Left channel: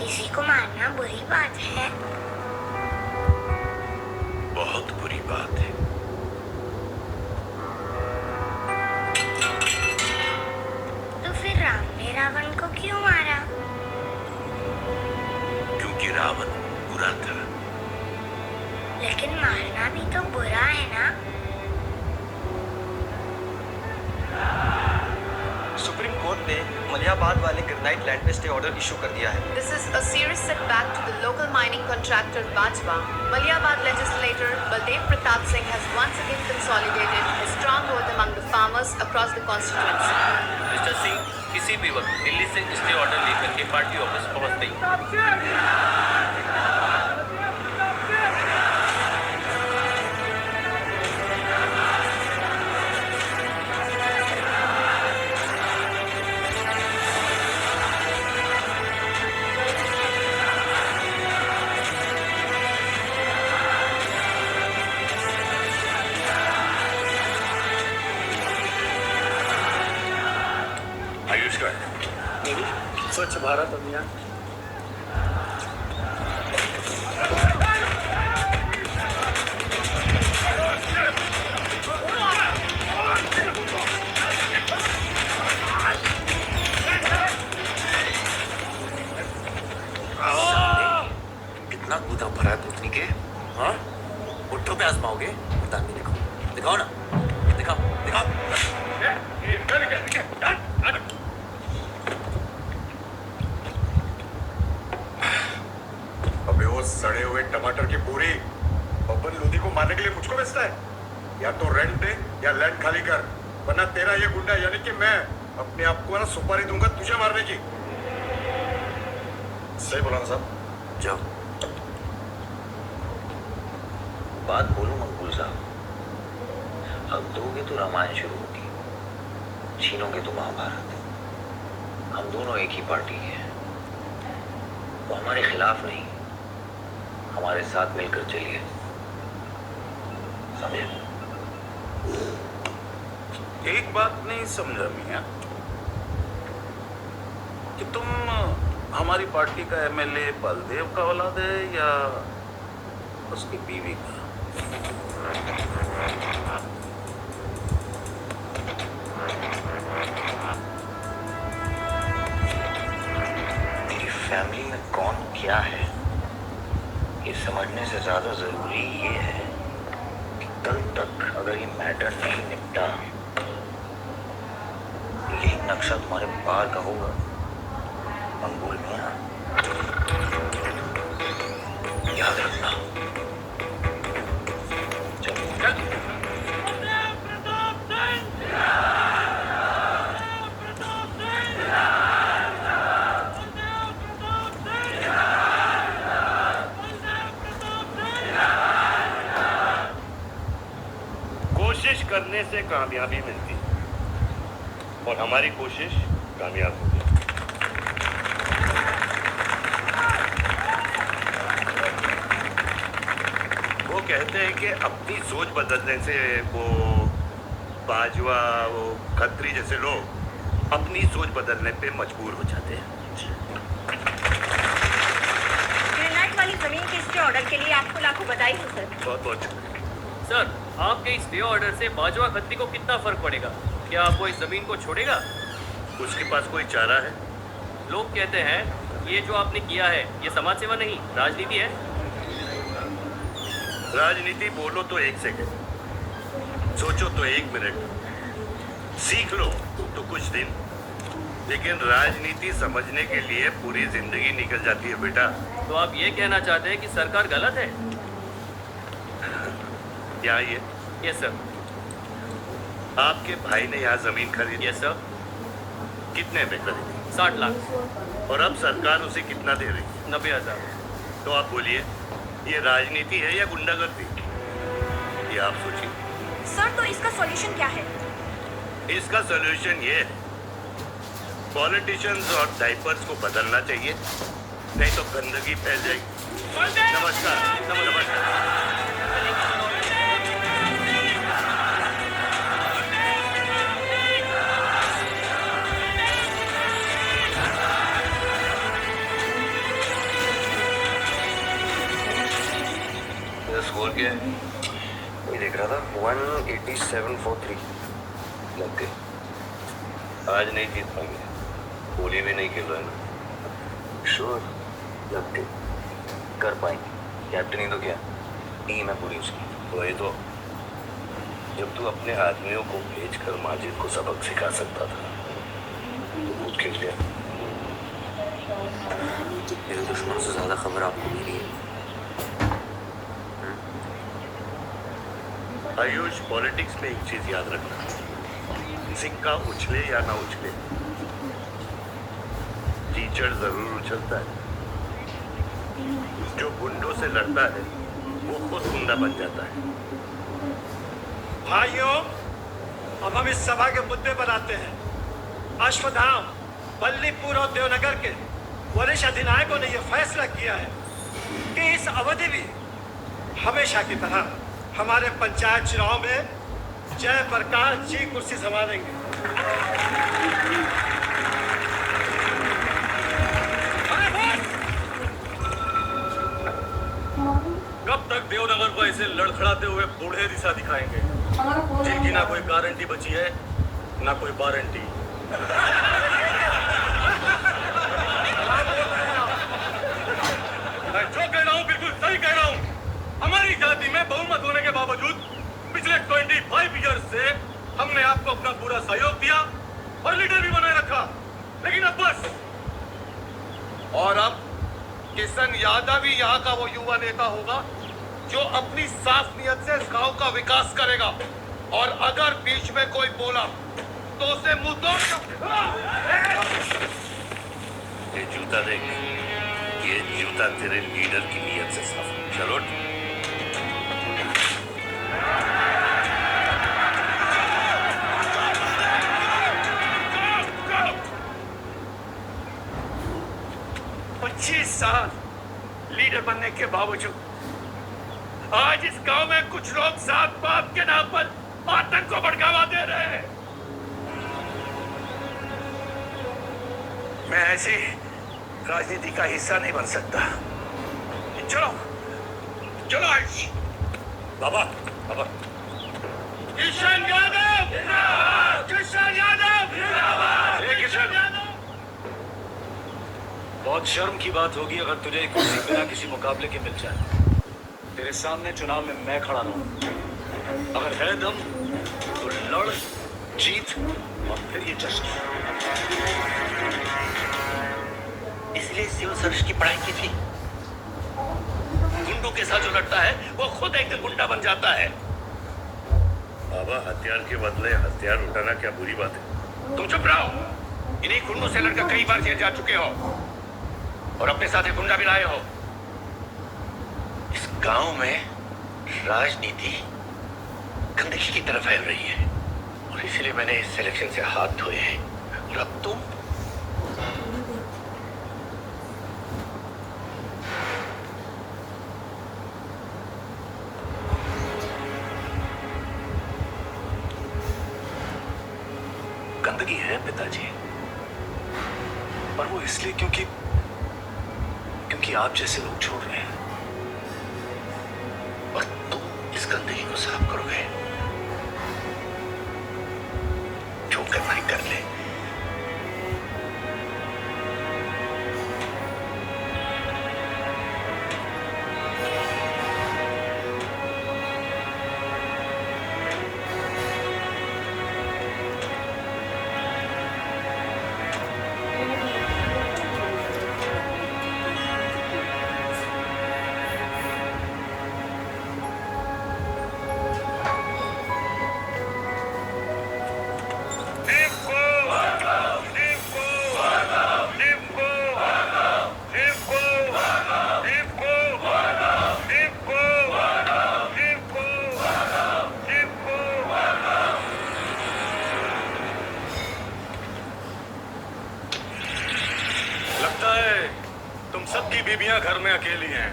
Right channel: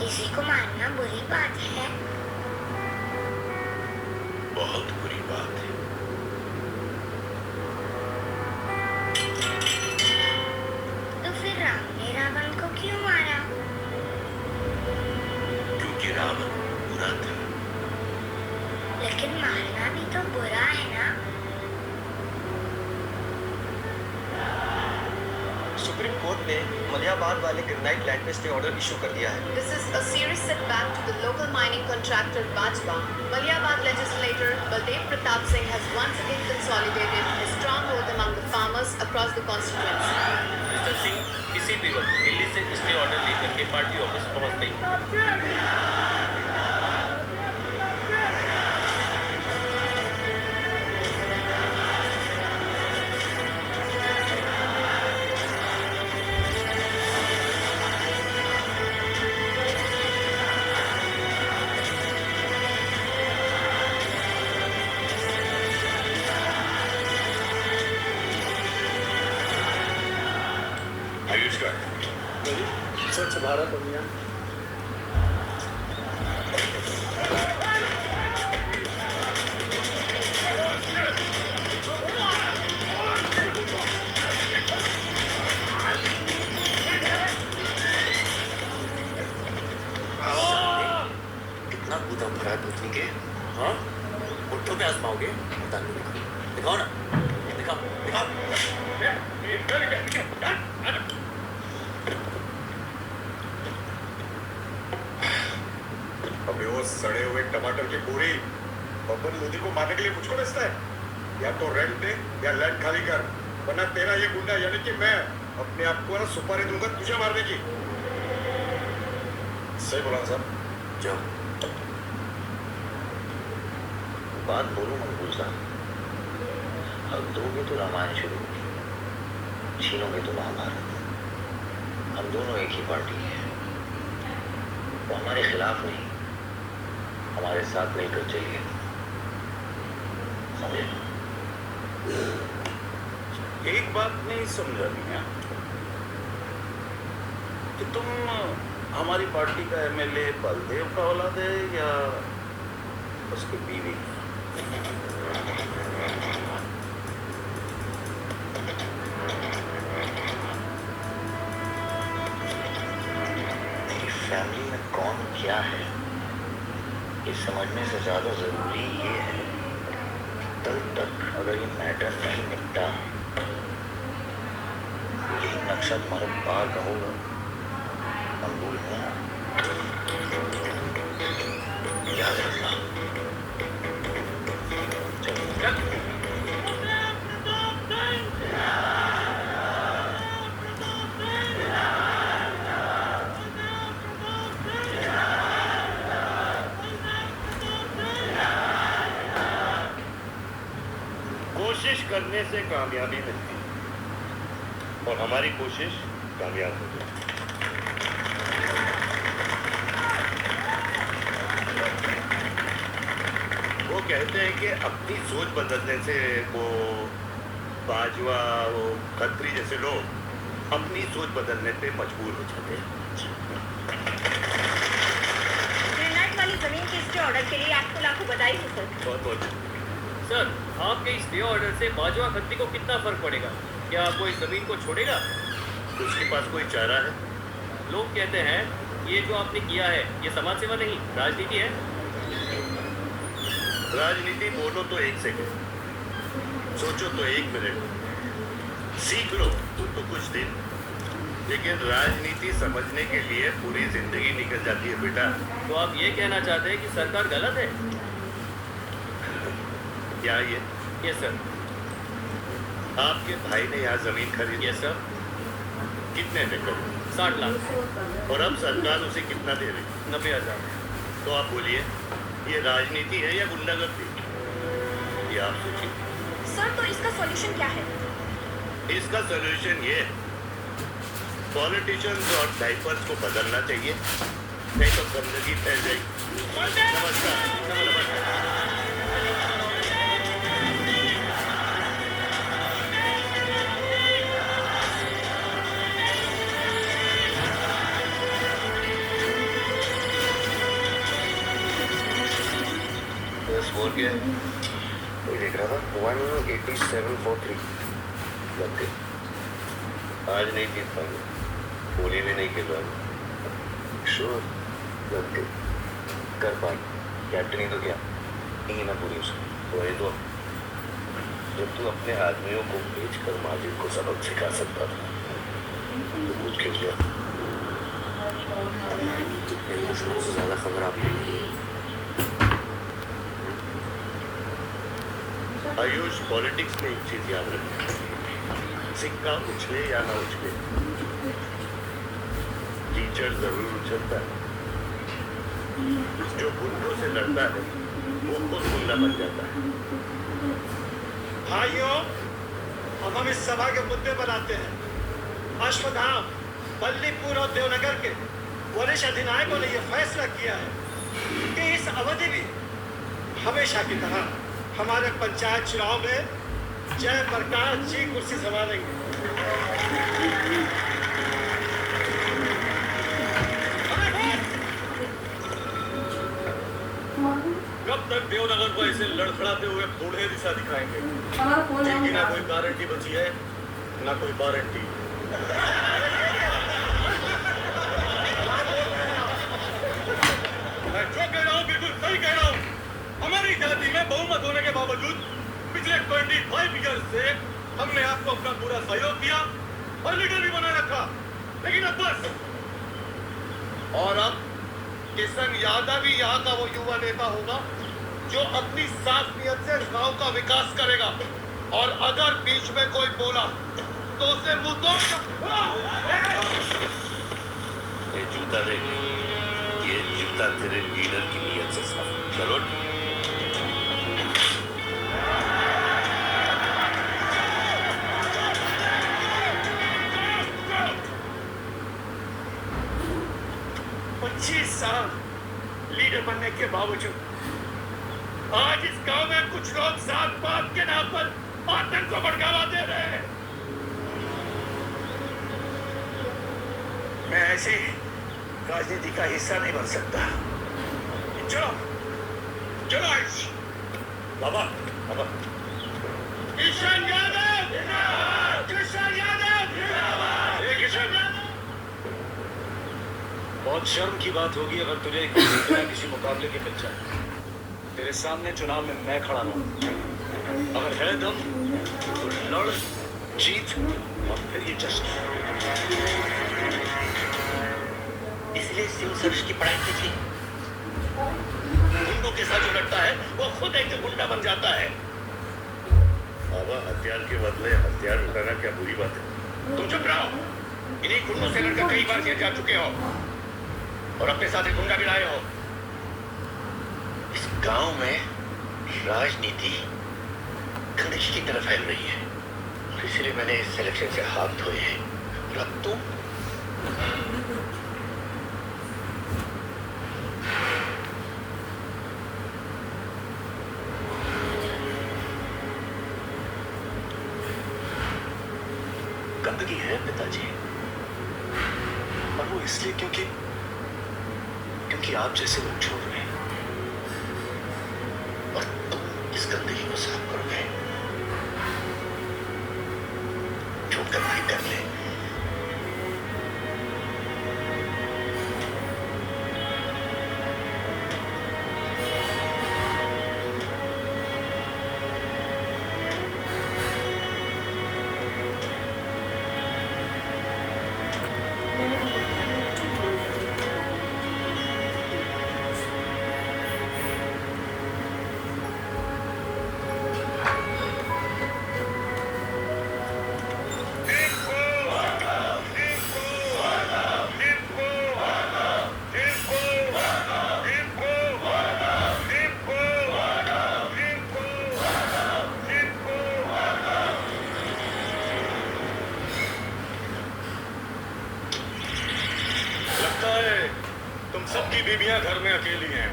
किसी को मारना बुरी बात है। बहुत बुरी बात है। तो फिर राम ने रावण को क्यों मारा? क्योंकि रावण बुरा था। लेकिन मारना भी तो बुरा है ना। सुप्रीम कोर्ट ने मलियाबाद वाले ग्रेनाइट लैंड पे स्टे ऑर्डर इशू कर दिया है। This is a serious setback to the local mining contractor Bajwa. Maliabad legislator Baldev Pratap Singh has once again consolidated his stronghold among the farmers across the constituency. Mister Singh किसी भी वक्त दिल्ली से stay order लेकर के party office पहुंचते ही आयुष का स्वच्छ भारत अभियान। कितना कूदा भरा है पुतनी के। हाँ, मुट्ठों पे आजमाओगे? बताने दिखाओ, दिखाओ ना, दिखाओ दिखाओ। अबे वो सड़े हुए टमाटर की पूरी बब्बन लोधी को मारने के लिए मुझको बेचता है। या तो रेंट दे या लैंड खाली कर, वरना तेरा ये गुंडा यानी कि मैं अपने आप को ना सुपारी दूंगा तुझे मारने की। सही बोला ना साहब? जाओ। बात बोलूं मकबूल साहब, अब दोगे तो रामायण शुरू होगी, छीनोगे तो महाभारत। हम दोनों एक ही पार्टी हैं, वो हमारे खिलाफ नहीं, हमारे साथ मिलकर चलिए, समझे? एक बात नहीं समझा मियां कि तुम हमारी पार्टी का एमएलए बलदेव का औलाद है या उसकी बीवी का? मेरी फैमिली में कौन क्या है ये समझने से ज्यादा जरूरी ये है कि कल तक अगर ये मैटर नहीं निपटा, यही नक्शा तुम्हारे बाहर का होगा मंगूल मियां, याद रखना। कोशिश करने से कामयाबी मिलती है और हमारी कोशिश कामयाब हो गई। वो कहते हैं कि अपनी सोच बदलने से वो बाजवा, वो खत्री जैसे लोग अपनी सोच बदलने पे मजबूर हो जाते हैं। ग्रेनाइट वाली जमीन के स्टे ऑर्डर के लिए आपको लाखों बधाई हो सर। बहुत बहुत सर आपके इस स्टे ऑर्डर से बाजवा खत्री को कितना फर्क पड़ेगा? क्या वो इस जमीन को छोड़ेगा? उसके पास कोई चारा है? लोग कहते हैं ये जो आपने किया है ये समाज सेवा नहीं राजनीति है। राजनीति बोलो तो 1 सेकंड, सोचो तो 1 मिनट, सीख लो तो कुछ दिन, लेकिन राजनीति समझने के लिए पूरी जिंदगी निकल जाती है बेटा। तो आप ये कहना चाहते हैं कि सरकार गलत है? क्या ये? Yes sir. आपके भाई ने यहाँ जमीन खरीदी? Yes sir. कितने में खरीदी? 60 लाख। और अब सरकार उसे कितना दे रही? 90,000। तो आप बोलिए ये राजनीति है या गुंडागर्दी? ये आप सोचिए। सर तो इसका सॉल्यूशन क्या है? इसका सॉल्यूशन ये है, पॉलिटिशियंस और डाइपर्स को बदलना चाहिए, नहीं तो गंदगी फैल जाएगी। नमस्कार। नमस्कार। स्कोर क्या है? ये देख रहा था 187 for 3 लग गए। आज नहीं जीत पाएंगे, होली भी नहीं खेल रहा है। श्योर लग गए, कर पाएंगे। कैप्टन ही तो क्या, टीम है पूरी उसकी। वही तो, जब तू अपने आदमियों को भेजकर माजिद को सबक सिखा सकता था तो खुद खेल गया। मेरे दुश्मन से ज्यादा खबर आपको मिली है। आयुष, पॉलिटिक्स में एक चीज याद रखना, सिक्का उछले या ना उछले, टीचर जरूर उछलता है। जो गुंडों से लड़ता है वो खुद गुंडा बन जाता है। भाइयों, अब हम इस सभा के मुद्दे पर आते हैं। अश्वत्थाम, बल्लीपुर और देवनगर के वरिष्ठ अधिनायकों ने यह फैसला किया है कि इस अवधि भी हमेशा की तरह हमारे पंचायत चुनाव में जयप्रकाश जी कुर्सी संभालेंगे। कब तक देवनगर को ऐसे लड़खड़ाते हुए बूढ़े दिशा दिखाएंगे जिनकी ना कोई गारंटी बची है ना कोई वारंटी? मैं जो कह रहा हूँ बिल्कुल सही कह रहा हूँ। हमारी जाति में बहुमत होने के बावजूद पिछले 25 ईयर्स से हमने आपको अपना पूरा सहयोग दिया और लीडर भी बनाए रखा, लेकिन अब बस। और अब किशन यादव ही यहाँ का वो युवा नेता होगा जो अपनी साफ नियत से गांव का विकास करेगा, और अगर बीच में कोई बोला तो उसे मुंह तोड़। ये जूता देख, ये जूता तेरे लीडर की नीयत से साफ। चलो साल लीडर बनने के बावजूद आज इस गांव में कुछ लोग जात पात के नाम पर आतंक को भड़कावा दे रहे हैं। मैं ऐसी राजनीति का हिस्सा नहीं बन सकता। चलो चलो आयुष। बाबा, बाबा, किशन यादव, किशन यादव, किशन यादव। बहुत शर्म की बात होगी अगर तुझे बिना किसी मुकाबले के मिल जाए। तेरे सामने चुनाव में मैं खड़ा रहूं। अगर है दम तो लड़, जीत और फिर ये जश्न। इसलिए सिविल सर्विस की पढ़ाई की थी। गुंडों के साथ जो लड़ता है वो खुद एक दिन गुंडा बन जाता है। बाबा, हथियार के बदले हथियार उठाना क्या बुरी बात है? तुम चुप रहो। इन्हीं गुंडों से लड़कर कई बार जेल जा चुके हो और अपने साथ एक गुंडा भी लाए हो। इस गांव में राजनीति गंदगी की तरफ फैल रही है और इसीलिए मैंने इस सिलेक्शन से हाथ धोए हैं। और अब तुम गंदगी है पिताजी, और वो इसलिए क्योंकि आप जैसे लोग छोड़ रहे हैं। और तुम इस गंदगी को साफ करोगे। जो करना ही कर ले। लगता है तुम सबकी बीबियां घर में अकेली हैं।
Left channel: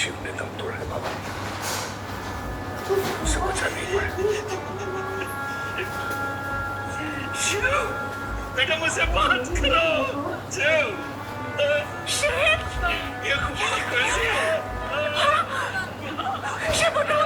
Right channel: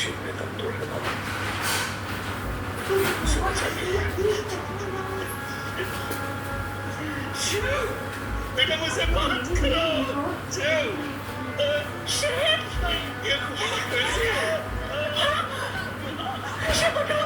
शिव ने दम तोड़ा है बाबा, उसे बचा नहीं पाया। शिव, बेटा मुझसे बात करो। शिव, ये खुदा कैसे है? शिव उठो,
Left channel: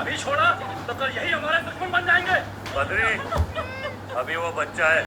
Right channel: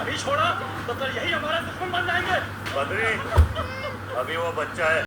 अभी छोड़ा तो कल यही हमारे दुश्मन बन जाएंगे। बद्री, अभी वो बच्चा है,